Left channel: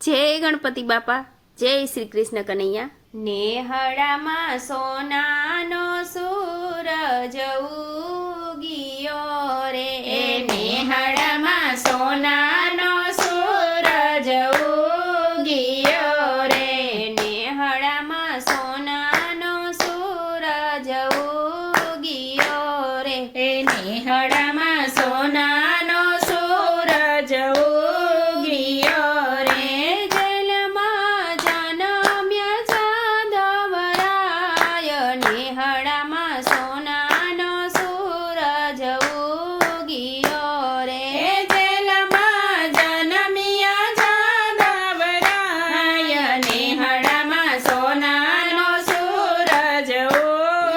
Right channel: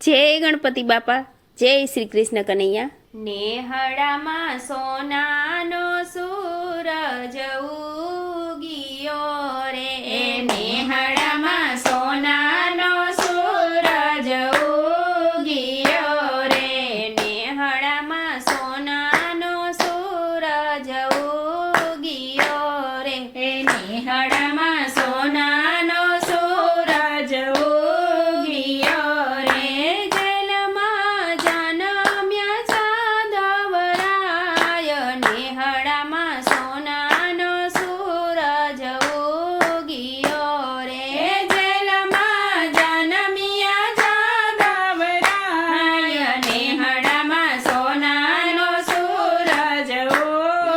જય ગણપતિ બાપા, જય શ્રી કૃષ્ણ કનૈયા. નેહળામાં સોનાનો સૂરજ ઉગિયો રે, નેહળામાં સોનાનો સૂરજ ઉગિયો રે, નેહળામાં સોનાનો સૂરજ ઉગિયો રે, નેહળામાં સોનાનો સૂરજ ઉગિયો રે, જલમાં જનમ્યા જાદવરાય, નેહળામાં સોનાનો સૂરજ ઉગિયો રે, જલમાં જનમ્યા જાદવરાય, નેહળામાં સોનાનો સૂરજ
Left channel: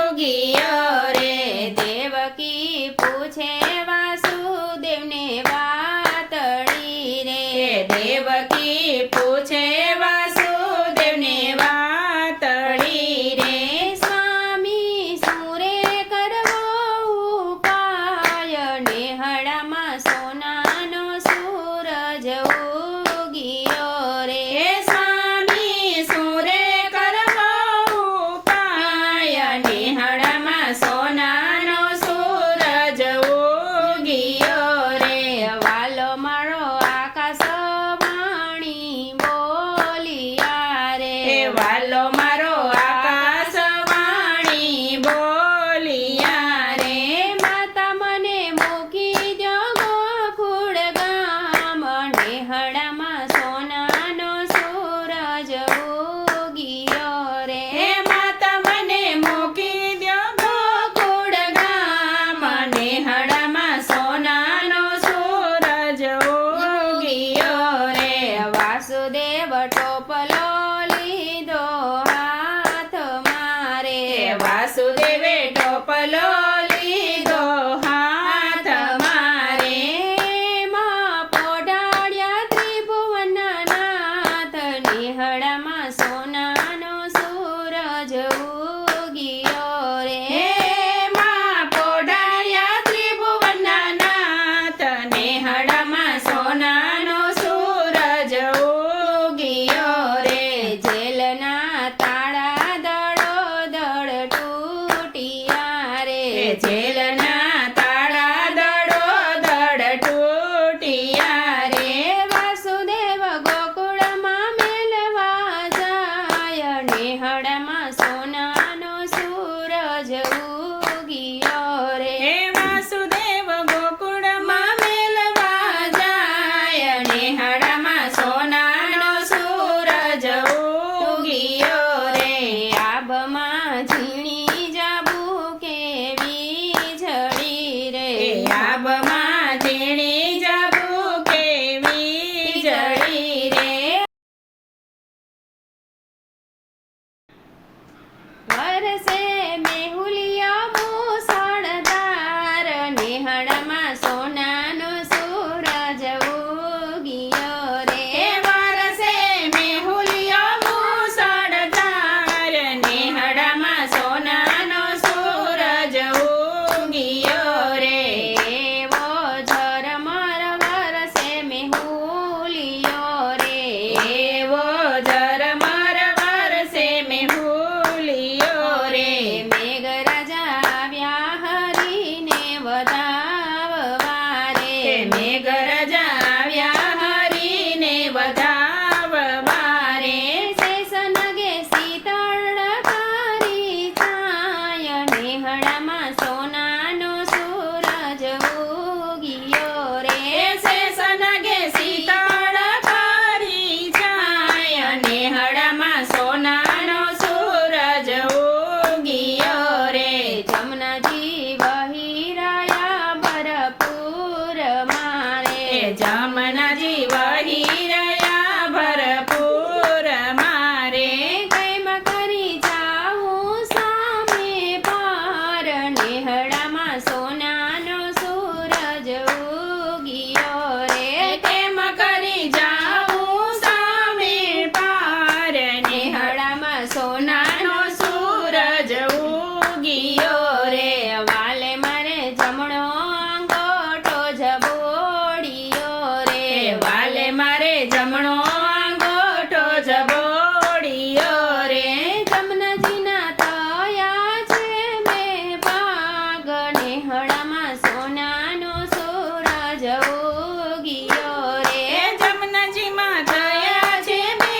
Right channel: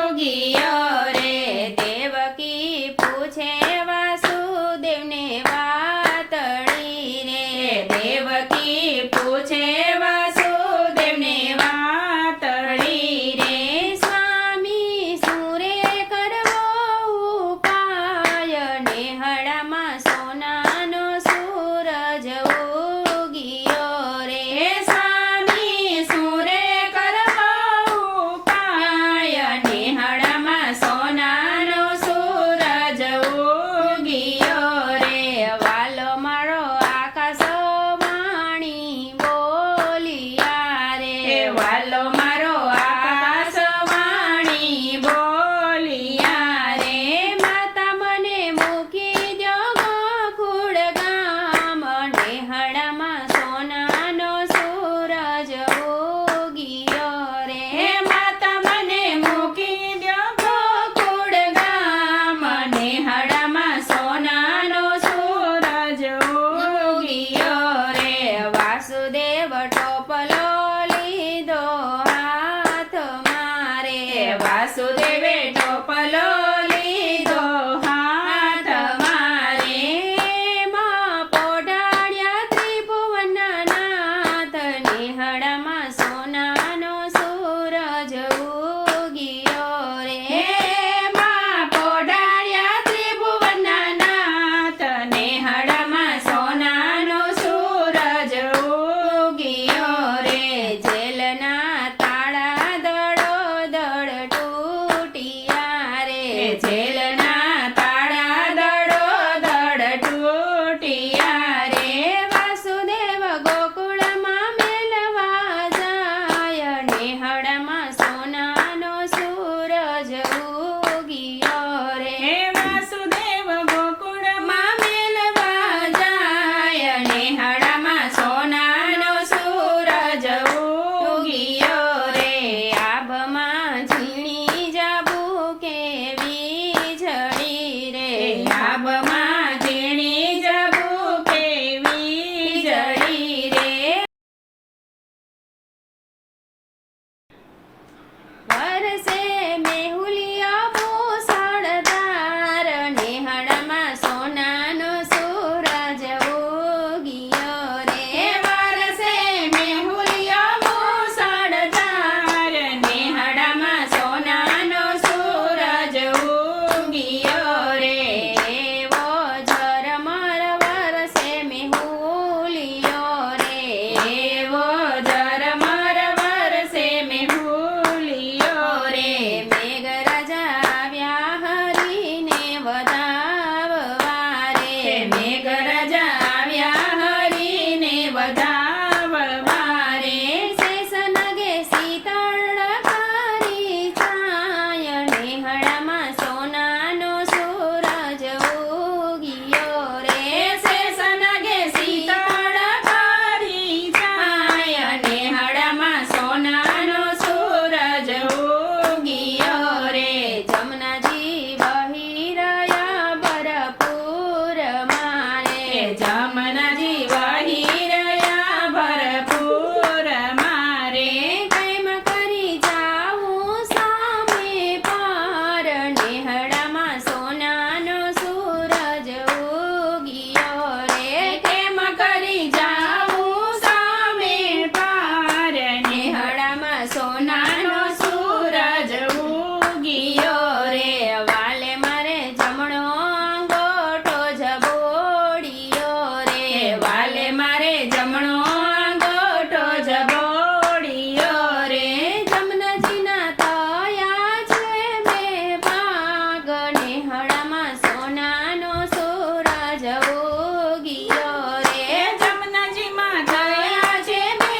ઉગિયો રે, દેવકી પૂછે વાસુદેવને વાતડી રે, દેવકી પૂછે વાસુદેવને વાતડી રે, સ્વામી સુરે કરવો ઉપાય, નેહળામાં સોનાનો સૂરજ ઉગિયો રે, સ્વામી સુરે કરવો ઉપાય, નેહળામાં સોનાનો સૂરજ ઉગિયો રે, વાલો મારો આકાશવાણી બોલિયા રે, વાલો મારો આકાશવાણી બોલિયા રે, માતા મને મૂકી દો ગોકુળ ગામ, નેહળામાં સોનાનો સૂરજ ઉગિયો રે, માતા મને મૂકી દો ગોકુળ ગામ, નેહળામાં સોનાનો સૂરજ ઉગિયો રે, વાસુદેવ ટોપલો લીધો હાથમાં રે, વાસુદેવે ટોપલો લીધો હાથમાં રે, એમાં પોઢાડ્યા ત્રિભુવનના નાથ, નેહળામાં સોનાનો સૂરજ ઉગિયો રે, એમાં પોઢાડ્યા ત્રિભુવનના નાથ, નેહળામાં સોનાનો સૂરજ ઉગિયો રે, જેલના તાળા દડો દડ તૂટ્યા રે, જેલના તાળા દડો દડ તૂટ્યા રે, વાસુદેવ ગોકુળમાં મેલવા જાય, નેહળામાં સોનાનો સૂરજ ઉગિયો રે, વાસુદેવ ગોકુળમાં મેલવા જાય, નેહળામાં સોનાનો સૂરજ ઉગિયો રે, આભમાં ઝીણી જાબુ કેવી ઝડી રે, આભમાં ઝીણી જાબુ કેવી ઝડી રે, વરસે મેહુલિયા મુસળધાર, નેહળામાં સોનાનો સૂરજ ઉગિયો રે, વરસે મેહુલિયા મુસળધાર, નેહળામાં સોનાનો સૂરજ ઉગિયો રે, એવો ઝરમર વરસે મેહુલિયો રે, એવો ઝરમર વરસે મેહુલિયો રે, મેઘરાજા આવ્યા હરીને વધાવવા નેહડામાં સોનાનો સૂરજ ઉગ્યો રે જમનાજીમાં થયા છે બે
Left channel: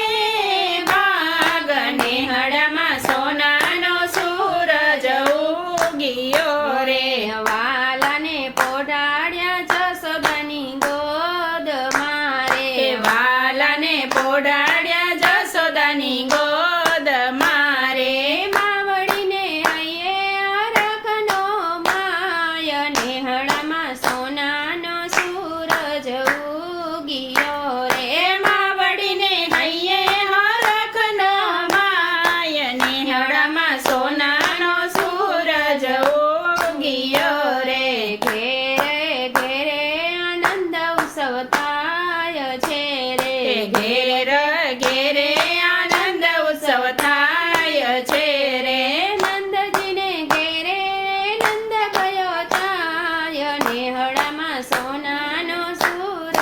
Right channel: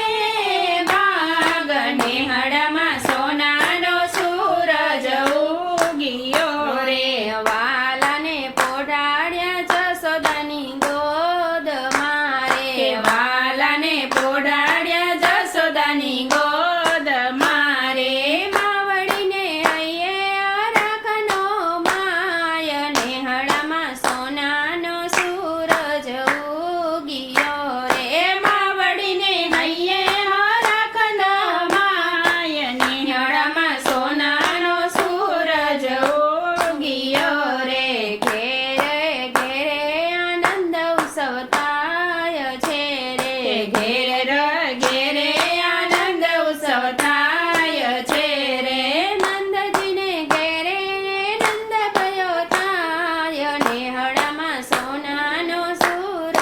ભાગ નેહડામાં સોનાનો સૂરજ ઉગ્યો રે વાલાને પોઢાડ્યા જશોદાની ગોદ મારે વાલાને પોડાડ્યા જશોદાની ગોદ મારે માવડીને હૈયે રાખનો માય નેહડામાં સોનાનો સૂરજ ઉગ્યો રે માવડીને હૈયે હરખના માય નેહડામાં સોનાનો સૂરજ ઉગ્યો રે ઘેરે ઘેરે આનંદ ઉત્સવ થાય છે રે ઘેરે ઘેરે આનંદ ઉત્સવ થાય છે રે નંદજીને ઘેરે નંદ ભયો થાય નેહડામાં સોનાનો સૂરજ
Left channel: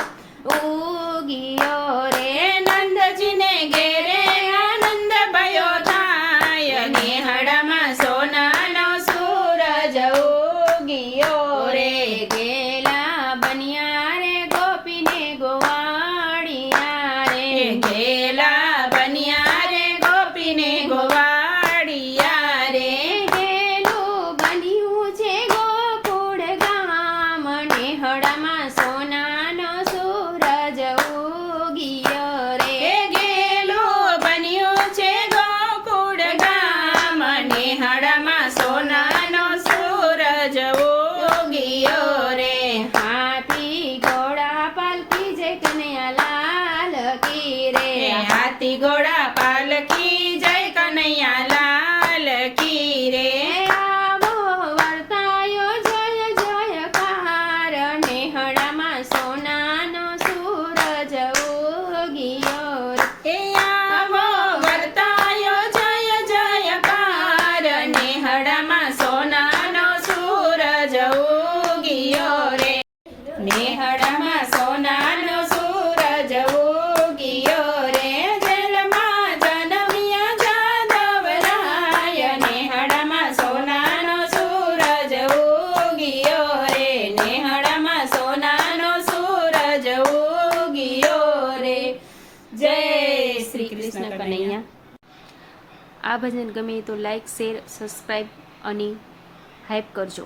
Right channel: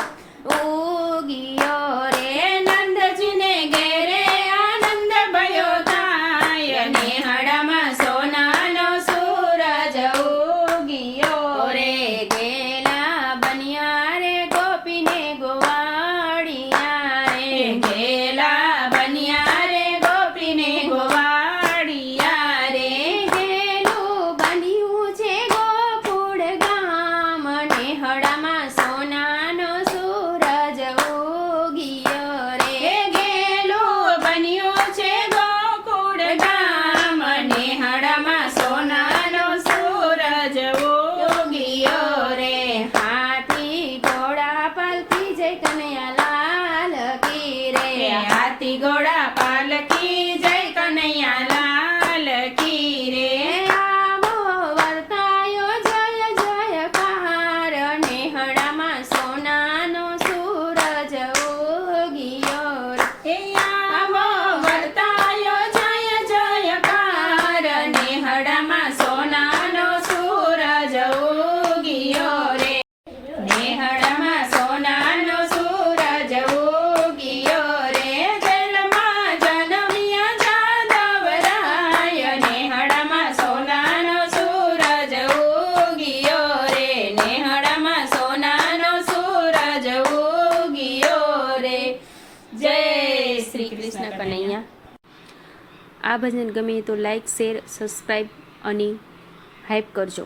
ઉગ્યો રે નંદજીને ઘેરે આનંદ ભયો થાય નેહડામાં સોનાનો સૂરજ ઉગ્યો રે ગેલા બન્યા રે ગોપીને ગોવાળિયા રે ગેલા બન્યા રે ગોપીને ગોવાળિયા રે ગેલું બન્યું છે ગોકુળ ગામ નેહડામાં સોનાનો સૂરજ ઉગ્યો રે ગેલું બન્યું છે ગોકુળ ગામ નેહડામાં સોનાનો સૂરજ ઉગ્યો રે હાથી ઘોડા પાલકી જય કનૈયાલાલ કી રે હાથી ઘોડા પાલકી જય કનૈયા લાલ કી રે આવો વર્તાયો જય જયકાર નેહડામાં સોનાનો સૂરજ ઉગ્યો રે આવો વર્તાયો જય જયકાર નેહડામાં સોનાનો સૂરજ ઉગ્યો રે નેહડામાં સોનાનો સૂરજ ઉગ્યો રે જેલમાં જનમ્યા જાદવરાય નેહડામાં સોનાનો સૂરજ ઉગ્યો રે નેહડામાં સોનાનો સૂરજ ઉગ્યો રે જય શ્રી કૃષ્ણ કનૈયા. આ ભજન ગમે તો લાઈક શેર સબસ્ક્રાઈબ અને હાઈપ કરજો.